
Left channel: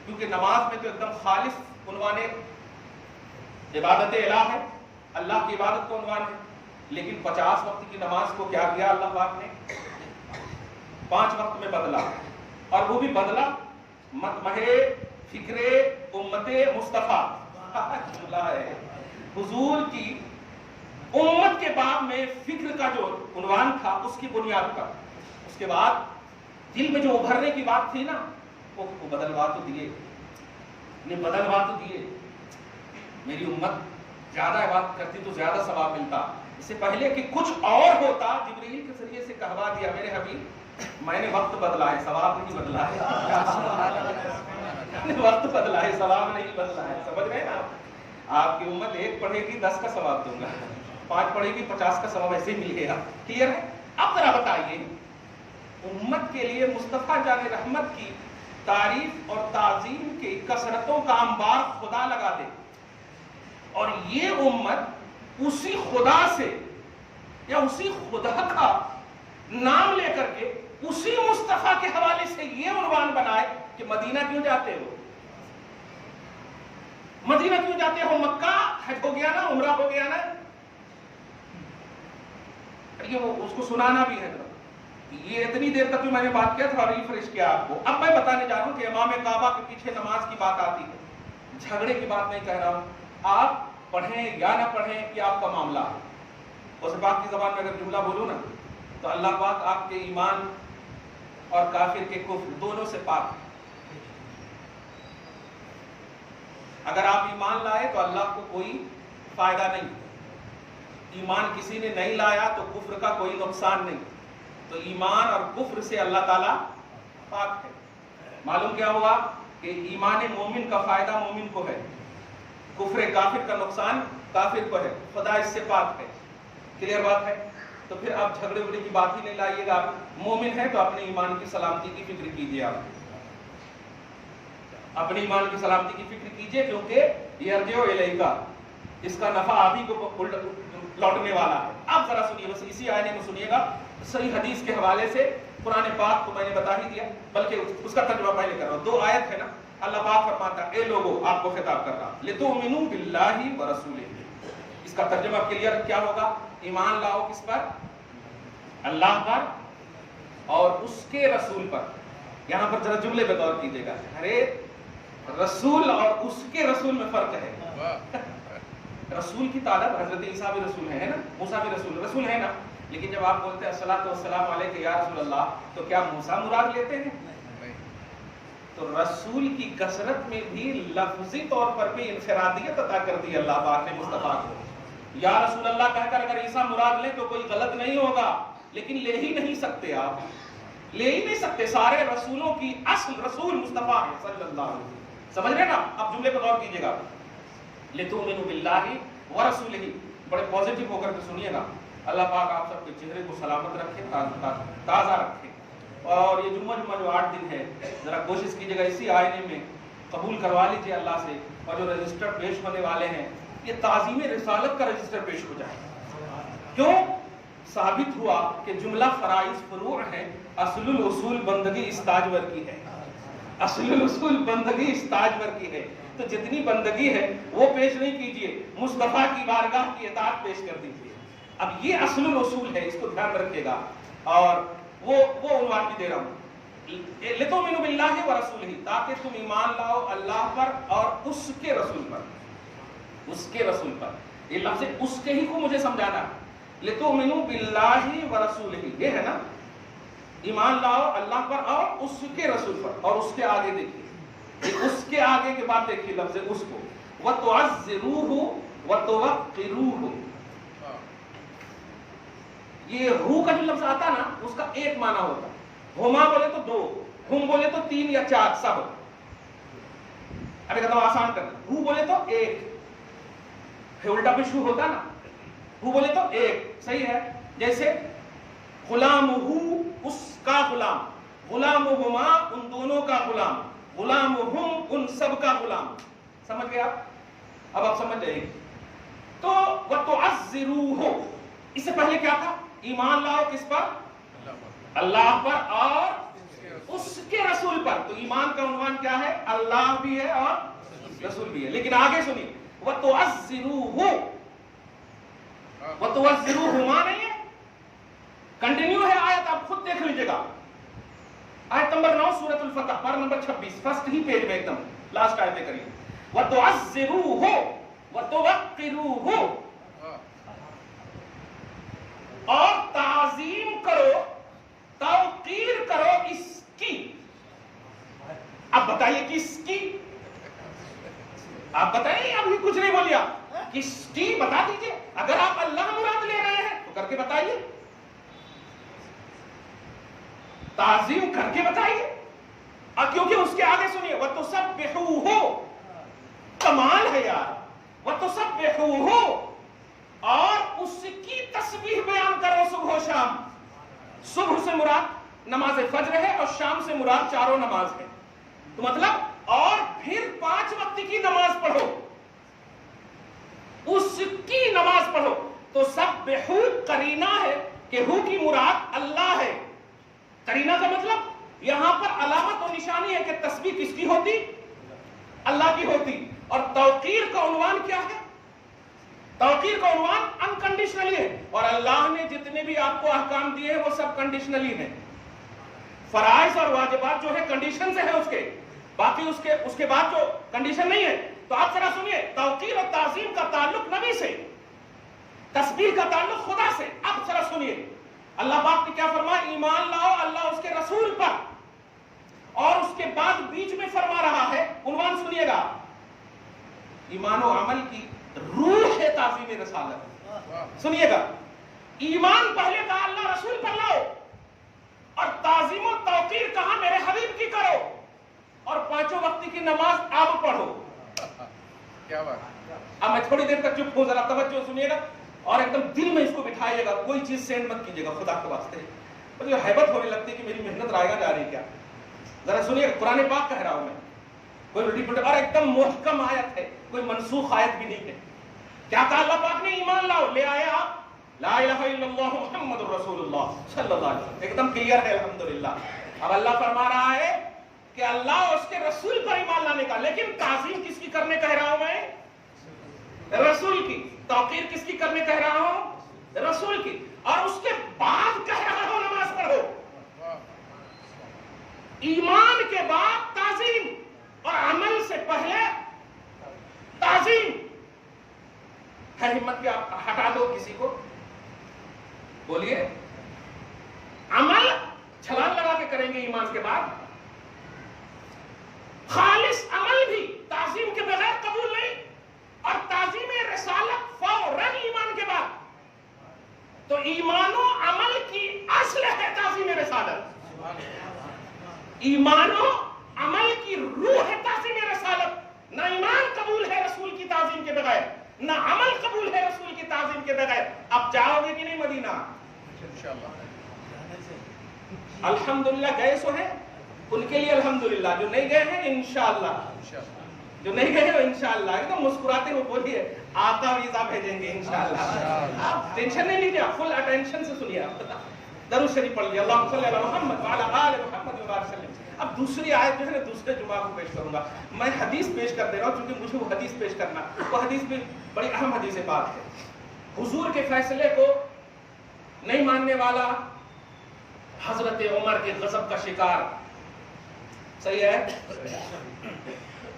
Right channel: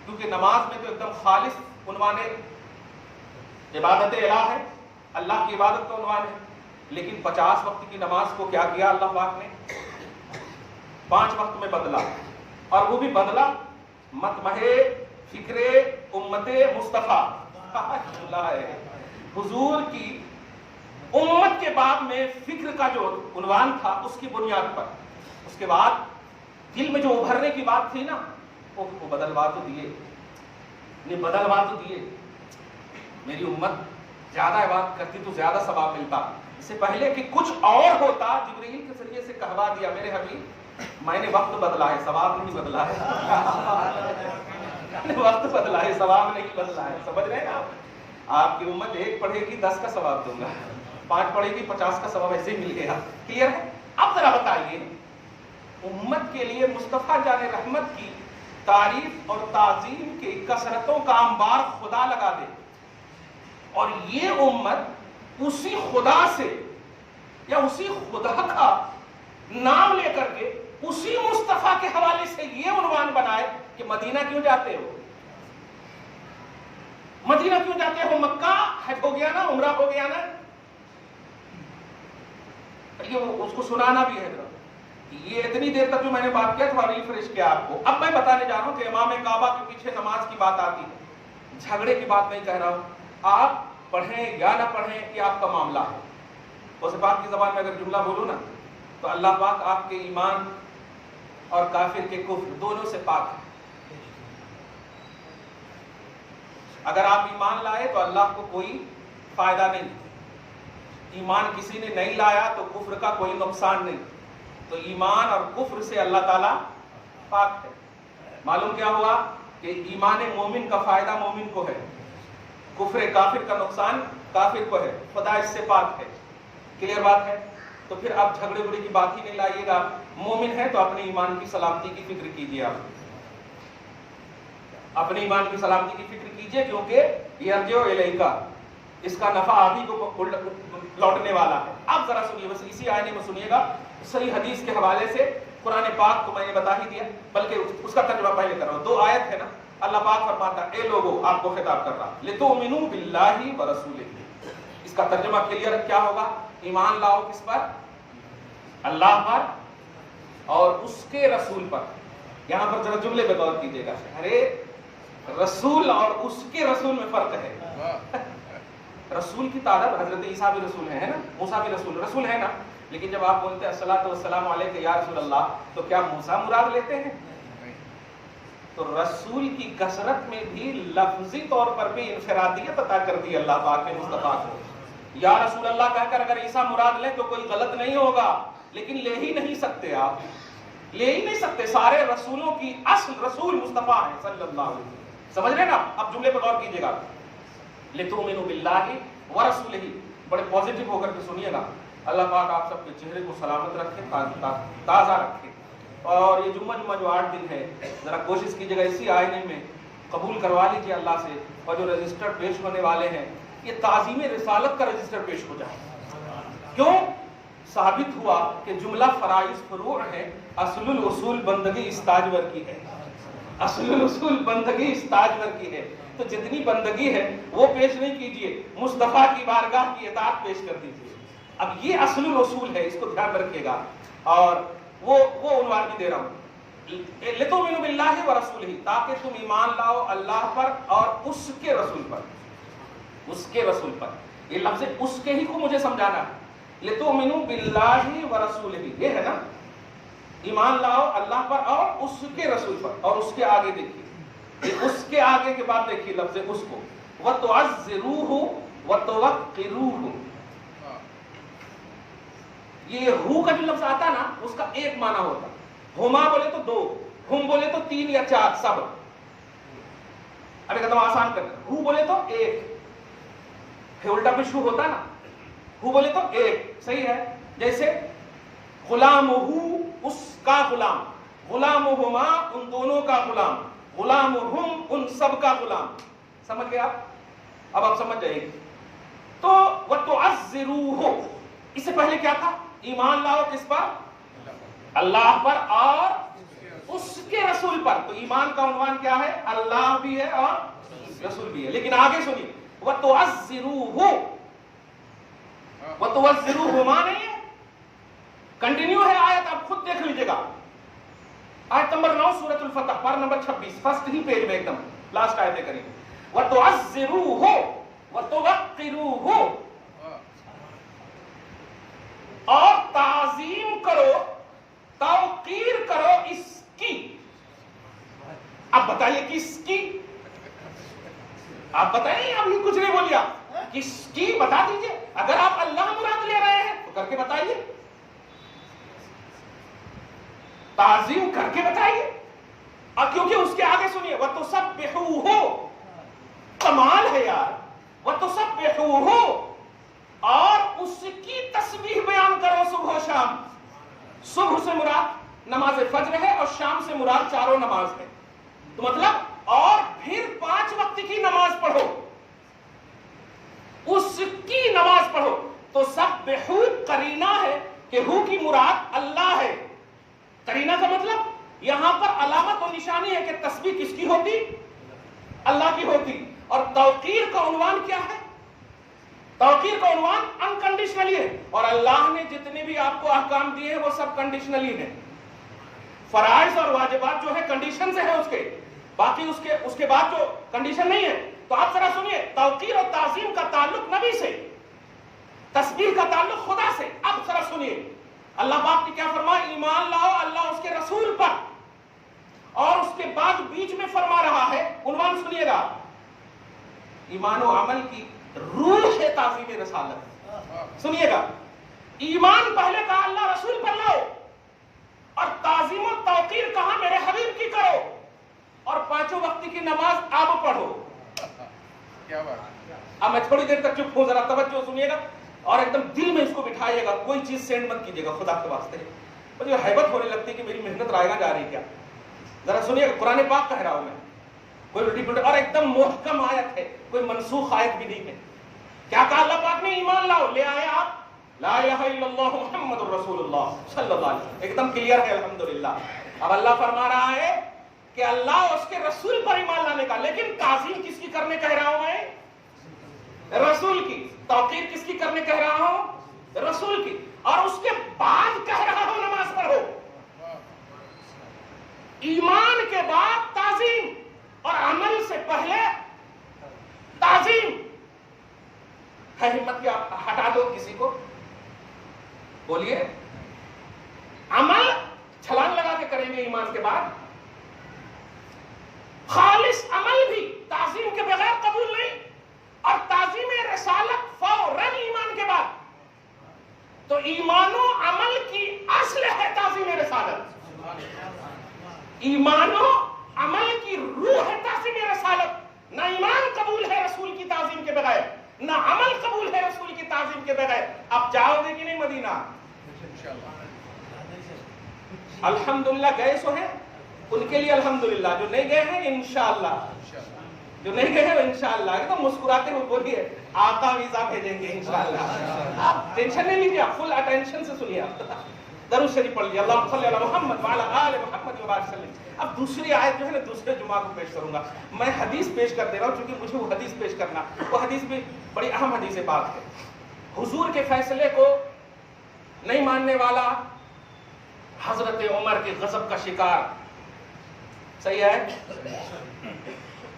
کیونکہ نماز میں تو ایک دم خالص عنوان عبادت الہ ہے، اللہ کی عبادت کا عنوان ہے، لیکن 50 وقت کی نماز کو کیا کیا اللہ پاک نے؟ 5 وقت میں بدلا، اور وہ بھی بدلا مطمح فکر امت مصطفیٰ ہے۔ حضور کی امت کے باب میں فکر کا جو عنوان تھا اس کی بنیاد پر، اس کے بعد دل میں جو ابھرنے کی بات تھی نا، وہ بدلوا تو دیے، بدلوا تو دیے۔ میری امت زیادہ عبادت کرتی تو زیادہ ثواب ملتا، اس سے پہلے کہ کچھ اور ہوتا جبرائیل کے ذریعے سے کہوا دیا میرے حبیب میں نے وقت بدلا ہے، ثواب نہیں بدلا ہے، وقت بدلا ہے، ثواب نہیں بدلا ہے۔ سمجھ رہے ہیں نا، آپ کی امت 1 پڑھے گی 10 کا ثواب دوں گا، 5 پڑھے گی 50 کا ثواب ایسے ہی ملے گا، کلیئر ہے؟ اب ذرا بتائیے، امت کے لیے مصطفیٰ جان رحمت کی تعریف اور تعظیم کی کثرتوں کا انبار خدا لگا دے، اور یہ امت اسی خدا سے یا اسی خدا کا نام لے کر کے اسی مصطفیٰ کے حوالے سے یہ عنوان بنائے کہ مدینہ کیوں جاتے ہو، مدینہ کیوں جاتے ہو، مکہ حج ہو گیا نا، عمرہ ہو گیا نا. یہ اس کو سنانا بھی ہے. یہ اتنی دیر تک جو میں نے بات کیا تھا ریفریش کیا آپ کو. اب میں بتانے جا رہا ہوں کہ امام کعبہ کے پیچھے نماز کی بات آتی ہے، جھگڑے کی بات نہیں کہہ رہا ہوں. آپ پڑھیں یا نہ پڑھیں یہ آپ کا معاملہ ہے. اس پاک کی زبان میں اگر جملہ بولوں نا تو اللہ پاک آپ کے ایمان اور کافر کے کفر دونوں سے پاک ہے. اگر آپ ایمان لائے تو اللہ کو کوئی فائدہ نہیں، ایمان کسی نے نہیں لایا تو کفر کا کوئی نقصان نہیں. تو ایمان اور کفر سے اللہ تعالیٰ پاک ہے. معلوم کیا ہوا کہ ایمان مومن کا فائدہ مومن کو ہے، کفر کافر کا نقصان کافر کو ہے. خدا اس سے پاک ہے. کلیئر بات ہے؟ تو پھر آپ جھگڑے وگڑے کی بات ہی نہیں لائیے گا. مومن ہے تو اپنے ایمان کی سلامتی کی فکر کیجیے. آپ اپنے ایمان کی سلامتی کی فکر کیجیے، کیونکہ یرجع الیک، اس کا نفع آپ ہی کو لوٹنے والا ہے. آپ ذرا سنیے، بس اسی آئینے میں سنیے گا. صحیح حدیث کے حوالے سے قرآن پاک کو میں نے بتا ہی دیا، بلکہ اس کا ترجمہ پہلے کر رہا ہوں. 2 آیت ہے نا. اللہ پاک فرماتا ہے اے لوگو، آپ کو خطاب کر رہا، لتؤمنوا باللہ ورسولہ. اس کا ترجمہ کلیئر کیا ہوگا؟ ایمان لاؤ کس پر؟ اللہ پر اور اس کے رسول پر. یہاں پر ذرا جملے پہ غور کیجیے گا. ارے رسول اور اس کے رسول میں فرق ہے. رسول کی تعداد حضرت عیسیٰ بھی رسول ہے نا، موسیٰ بھی رسول ہے نا. لیکن جب آپ بولتے ہیں الصلاۃ والسلام علیک یا رسول اللہ، تو کیا موسیٰ مراد لیتے ہیں؟ تو رسول کی کثرت میں بھی لفظی طور پر بھی انفرادیت عطا کر دی اللہ پاک نے مصطفیٰ کو. یا رسول اللہ کہہ کر اگر عیسیٰ مراد لیں تو کوئی غلط نہیں ہوگا، لیکن لے ہی نہیں سکتے. آپ لے ہی نہیں سکتے. سارے رسولوں کی اصل رسول مصطفیٰ ہے صلی اللہ علیہ وسلم. سمجھ رہے نا؟ اب جملے پر غور کیجیے گا. لتؤمنوا باللہ ورسولہ، بڑے پازیٹیو ہو کر کے سنیے گا. اللہ پاک آپ سب کے چہرے کو سلامت رکھے، تازہ رکھے. اور یہ جمعہ جو 8 دن ہے، ذرا کوشش کیجیے گا اسی آئینے میں قبول کروا لیجیے اللہ سے. اور جو رجسٹر پیش ہونے والے ہیں، یہ تعظیم رسالت کا رجسٹر پیش ہو جائے. کیوں؟ ثابت ہوا کہ جملہ فرائض فروع ہے، اصل الاصول بندگی استاجور کی ہے. اصل الاصول بندگی استاجور کی ہے. تو جتنی بندگی ہے وہ پیش نہیں کیجیے، مصطفیٰ کی بارگاہ کی اطاعت پیش کر دیجیے. اب یہ اصل الاصول ہے، اس کو دھیان رکھیے گا. اور وہ عنوان بھی دے رہا ہوں، لتؤمنوا باللہ ورسولہ، تاکہ تم ایمان لاؤ اللہ پر اور اس کے رسول پر. اس کے رسول پر، یہ لفظ اس کے ہی کو مجھے سمجھانا ہے. لتؤمنوا باللہ ورسولہ، یہ ہے نا، ایمان لاؤ اللہ پر اور اس کے رسول پر. اور اس کے آگے دیکھیے، اس کے آگے کے بعد دیکھیے لفظ اس کو، وتعزروہ وتوقروہ. یہ روح کا جو لفظ آتا نا، اس کا ایک معنی ہوتا. ہما بولے تو 2، ہم بولے تو 3 یا 4 سب. ابھی کہتا ہوں آسان کرنا. روح بولے تو 1، الٹا بھی شروع ہوتا نا. ہو بولے تو 1، صحیح ہے. جیسے غلامہ، اس کا غلام، غلامہما، ان دونوں کا غلام، غلامہم، ان سب کا غلام. سمجھ گیا؟ اب آپ سمجھ جائیے. تو وتعزروہ، اس سے پہلے کیا تھا؟ ایمان لاؤ کس پر؟ اللہ پر اور اس کے رسول پر. تو ایمان کا عنوان کیا ہے؟ اللہ بھی ہے اور رسول بھی ہے. لیکن آگے سنیے، وتعزروہ، وتعزروہما نہیں ہے، کنٹینیو ہے آیت. آپ خود دیکھ لیجئے گا. آیت نمبر 9 سورۃ الفتح، پارہ نمبر 26، فرسٹ ہی پیج میں ایک دم لاسٹ آیت کریں. وتعزروہ وتوقروہ، اور تعظیم کرو، توقیر کرو اس کی. اب بتائیے کس کی؟ آپ بتائیے. ابھی کچھ نہیں بولیا. کس کی بتا دیجئے. اگر آپ اللہ مراد لے رہے ہیں تو کر کے بتائیے، تعظیم کر کے بتائیے. اور کیونکہ اس کے آگے سنیے، وَتُسَبِّحُوهُ، کمال ہے یار. وَتُسَبِّحُوهُ، اور اس کی تسبیح بیان کرو صبح و شام. صبح سے مراد نماز فجر ہے اور شام سے مراد چاروں نماز ہے. تو مطلب اور پھر 5 وقت کی نماز پڑھو، اس کی نماز پڑھو. تو سبحو قرینہ ہے کہ ہو کی مراد اللہ ہے. قرینہ کا مطلب یہاں پر علامت و نشانی ہے کہ تسبیح کس کی ہوتی؟ اللہ کی ہوتی. اور توقیر کا عنوان کیا ہے؟ توقیر کا عنوان انکنڈیشنلی ہے. اور اللہ نے جتنے بھی آپ کو احکام دیے ہیں وہ سب کنڈیشنلی ہیں. فرائض اور واجبات جو ہے کنڈیشن سے ہے اس کے، باقی اس کے بعد جو کنڈیشن نہیں ہے. تو آپ ذرا سنیے، توقیر اور تعظیم کا تعلق نبی سے، تسبیح کا تعلق خدا سے. اب ذرا سنیے اللہ پاک نے کیا فرمایا، ایمان لاؤ اللہ اس کے رسول پر. اور اس کے بعد بیچ میں فرما رہا ہے، عنوان سنیے گا، ایمان و عمل کی روح ہے تعظیم رسالت. سنیے گا، ایمان پہلے کہا اللہ رسول پر لاؤ، اور تعظیم و توقیر کہا میرے حبیب کی کرو، اور 5 وقت کی نماز اب پڑھو. کیا بات. اب میں تھوڑی دیر تک چپ ہوں، ذرا توجہ سنیے گا اور ایک دم دل میں اس کو بٹھائیے گا. کوئی چیز سینڈ مت کیجیے گا خدا کے واسطے. مجھے حیبت ہونے لگتی ہے کہ میری محنت رائے گا جا رہی کیا. ذرا سنیے گا، قرآن پاک کہہ رہا ہوں میں، کوئی الٹی پلٹی اور ایک دم محکم آیت ہے، کوئی منسوخ آیت بھی نہیں ہے. کیا کہا اللہ پاک نے، ایمان لاؤ. لے آئے آپ لا الہ الا اللہ محمد الرسول اللہ صلی اللہ علیہ وسلم، ایک دم کلیئر ہے الحمدللہ. اب اللہ فرما رہا ہے کہ اللہ اور اس کے رسول پر ایمان لانے کا. لیکن تعظیم کس کی کرنے کہہ رہا ہوں میں؟ رسول کی. توقیر کس کی کرنے کہہ رہا ہوں؟ رسول کی. اور اس کے بعد کہہ رہا ہوں نماز پڑھو. ایمان کے بعد تعظیم اور عمل سے پہلے تعظیم ہے. ہمت کیا ہٹا دو کسی کو، بولیے. عمل چھلانگ لگا کے کریں گے ایمان کے بعد. خالص عمل بھی تعظیم کے بغیر قبول نہیں، اور تعظیم رسالت فوراً ایمان کے بعد. تو ایمان و عمل کی اصل ہے تعظیم رسالت. ایمان و عمل کی روح ہے تعظیم رسالت. نہ ایمان قبول ہے رسول کی تعظیم کے بغیر، نہ عمل قبول ہے رسول کی تعظیم کے بغیر. اب جاؤ گے کہ نہیں مدینہ؟ الحمدللہ گئے سو ہیں ان کے لیے الحمدللہ، جو نہیں گئے ہیں انشاءاللہ، جو نہیں گئے ہیں انشاءاللہ. ایک دم مسکراتے ہوئے بولیے آقا ویزا بھیجیں گے انشاءاللہ. آپ ٹینشن نہیں لیجیے، فل اٹینشن سے سنیے. آپ درود شریف پڑھ لیے، اللہم صلی علی محمد وعلی آل محمد وبارک وسلم. اب دوسری آیت جو ہے نا دوسرے جمعہ کو پیش کروں گا. میں حدیث پیش کر دے رہا ہوں کیونکہ مجھے وہ حدیث پیش کرنا، وہ حدیث بھی بڑی اہم حدیث پاک ہے. حضور کے فیصلے کو نہیں ماننے والا حضرت عمر کے غضب کا شکار. صحیح ہے،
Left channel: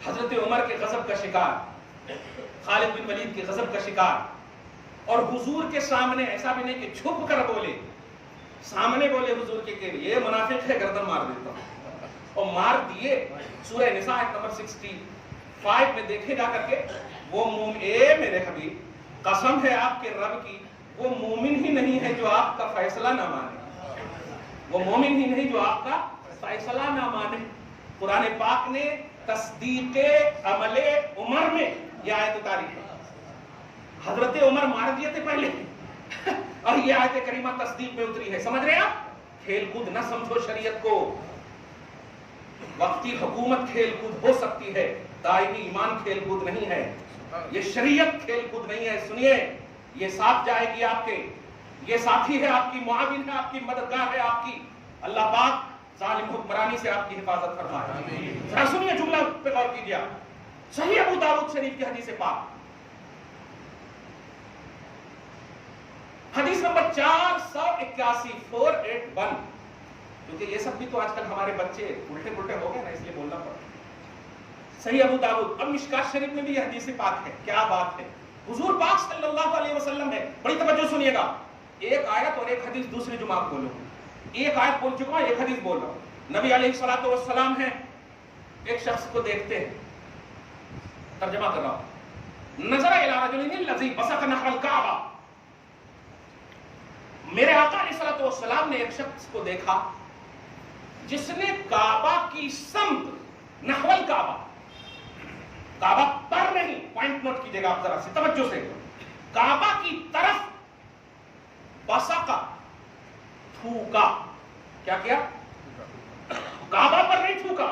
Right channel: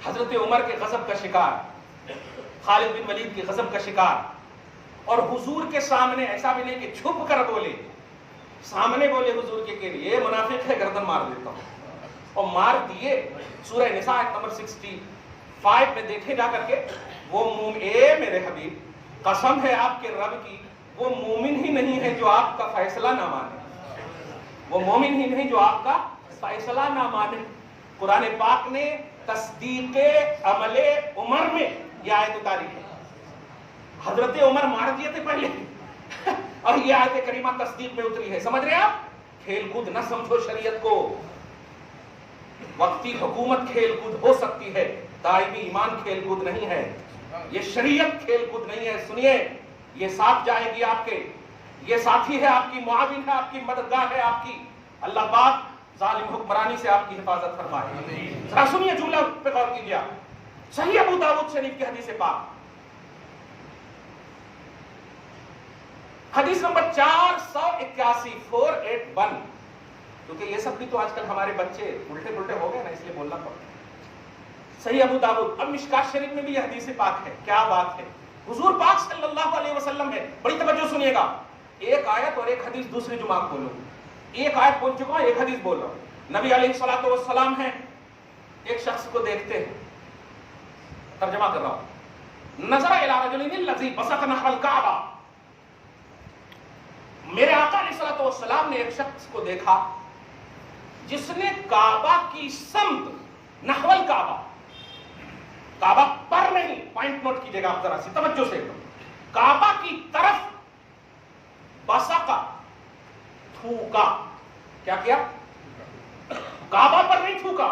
حضرت عمر کے غضب کا شکار، خالد بن ولید کے غضب کا شکار. اور حضور کے سامنے ایسا بھی نہیں کہ چھپ کر بولے، سامنے بولے حضور کے یہ منافق ہے گردن مار دیتا ہوں. اور مار دیے. سورہ نساء نمبر 65 میں دیکھے جا کر کے، وہ اے میرے حبیب قسم ہے آپ کے رب کی، وہ مومن ہی نہیں ہے جو آپ کا فیصلہ نہ مانے. وہ مومن ہی نہیں جو آپ کا فیصلہ نہ مانے. قرآن پاک نے تصدیق عمل عمر میں یہ آیت اتاری ہے. حضرت عمر مار دیے تھے پہلے اور یہ آیت کریمہ تصدیق میں اتری ہے. سمجھ رہے آپ؟ کھیل کود نہ سمجھو شریعت کو. وقتی حکومت کھیل کود ہو سکتی ہے، دائمی ایمان کھیل کود نہیں ہے. یہ شریعت کھیل کود نہیں ہے. سنیے، یہ ساتھ جائے گی آپ کے، یہ ساتھی ہے آپ کی، معاون ہے آپ کی، مددگار ہے آپ کی. اللہ پاک ظالم حکمرانی سے آپ کی حفاظت فرمائے. ذرا سنیے جملہ پہ غور کیجیے. صحیح ابو داؤد شریف کی حدیث پاک، حدیث نمبر 481 481. کیونکہ یہ سب بھی تو آج کل ہمارے بچے الٹے پلٹے ہو گئے نا، اس لیے بولنا پڑتا. صحیح ابو داؤد. اب مشکات شریف میں بھی یہ حدیث پاک ہے. کیا بات ہے، حضور پاک صلی اللہ علیہ وسلم ہے. بڑی توجہ سنیے گا. ایک آیت اور ایک حدیث دوسرے جمعہ کو بولوں. ایک آیت بول چکا ہوں، ایک حدیث بول رہا ہوں. نبی علیہ الصلوۃ والسلام ہے، ایک شخص کو دیکھتے ہیں. ترجمہ کر رہا ہوں. نظر الی رجل الذی بصق نحو الکعبہ. میرے آقا علیہ الصلوۃ والسلام نے ایک شخص کو دیکھا جس نے کعبہ کی سمت، نحو الکعبہ، کعبہ پر نہیں، پوائنٹ نوٹ کیجیے گا آپ ذرا سے توجہ سے، کعبہ کی طرف بصقا، تھوکا. کیا کیا؟ کعبہ پر نہیں تھوکا،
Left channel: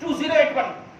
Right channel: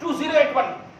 2081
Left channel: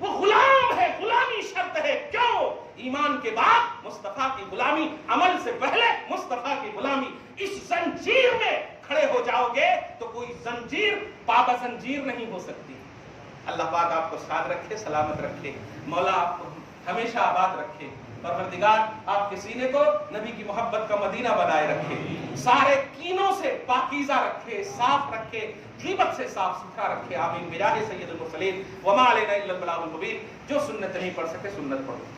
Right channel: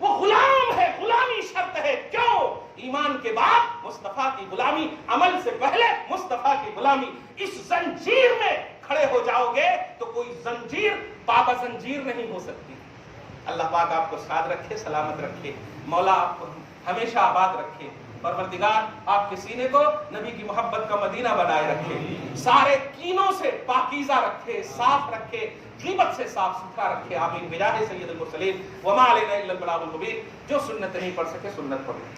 وہ غلام ہے، غلامی شرط ہے. کیوں؟ ایمان کے بعد مصطفیٰ کی غلامی، عمل سے پہلے مصطفیٰ کی غلامی. اس زنجیر میں کھڑے ہو جاؤ گے تو کوئی زنجیر بابا زنجیر نہیں ہو سکتی. اللہ پاک آپ کو ساتھ رکھے، سلامت رکھے. مولا آپ کو ہمیشہ آباد رکھے. پروردگار آپ کے سینے کو نبی کی محبت کا مدینہ بنائے رکھے، سارے کینوں سے پاکیزہ رکھے، صاف رکھے، غیبت سے صاف ستھرا رکھے. آمین بجاہ سید المرسلین وما علینا الا البلاغ المبین. جو سنت نہیں پڑھ سکے سنت پڑھو.